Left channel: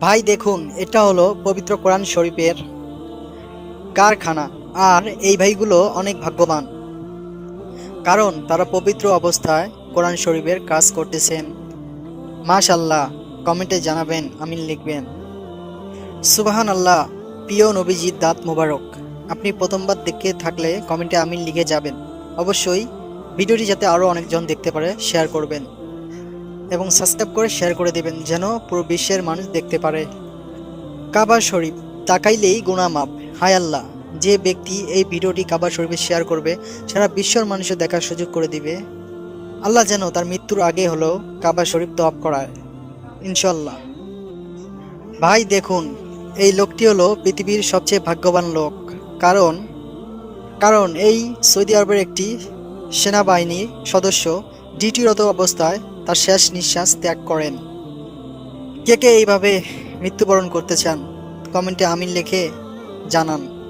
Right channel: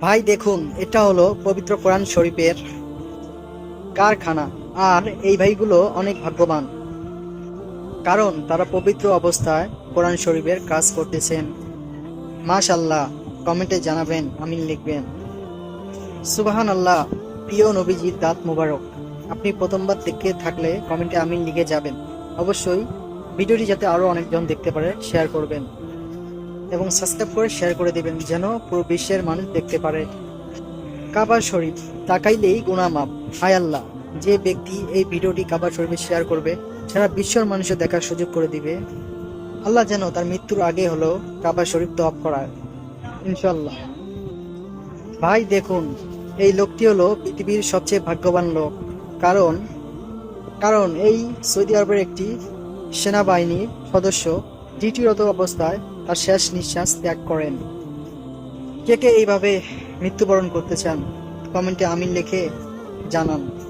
ভাই দেখুন, এটা হলো পবিত্র কোরআন শরীফের কারখানা, আর এই ভাইগুলো অনেক ভাগ্যবান। কারণ তারা পবিত্র অবস্থায় কোরআন শরীফের কাজ করতেছেন। মাশাল্লাহ কমেন্টে জানাবেন, আমিন লিখবেন। সুবাহান আল্লাহ প্রিয় নবীজির দাঁত মোবারক। আপনি প্রথমবার দেখে থাকলে কমেন্টে আমিন লিখে যাবেন। অবশ্যই ভিডিওটি যাতে আরও অনেকজন দেখতে পারে, শেয়ার করবেন। এবং সাবস্ক্রাইব করে শেয়ার করে দেবেন, যেন পুরো বিশ্বের মানুষ দেখতে পারে। কাবা শরীফ, তাকাইলেই গুণামাপ হায় আল্লাহ, যে ব্যক্তি এই ভিডিওটি কাবা শরীফে শেয়ার করবে, সারা বিশ্বর মানুষও দেখার সুযোগ করে দিবে। আল্লাহ যেন তার মৃত্যুর আগে হলো কাবা শরীফ তপ করায় ইনশাল্লাহ ভাই, দেখুন, এই লোকটি হলো পৃথিবীর সবচেয়ে ভাগ্যবান লোক। কারণ কারণ এই সৌদি আরবের একটি সেনাবাহিনীর সদস্য, ডিউটিরত অবস্থায় তার শেষ নিঃশ্বাস ত্যাগ করেন। কে কে এইভাবে মৃত্যুবরণ করতে চান? কমেন্টে আমিন লিখে জানান।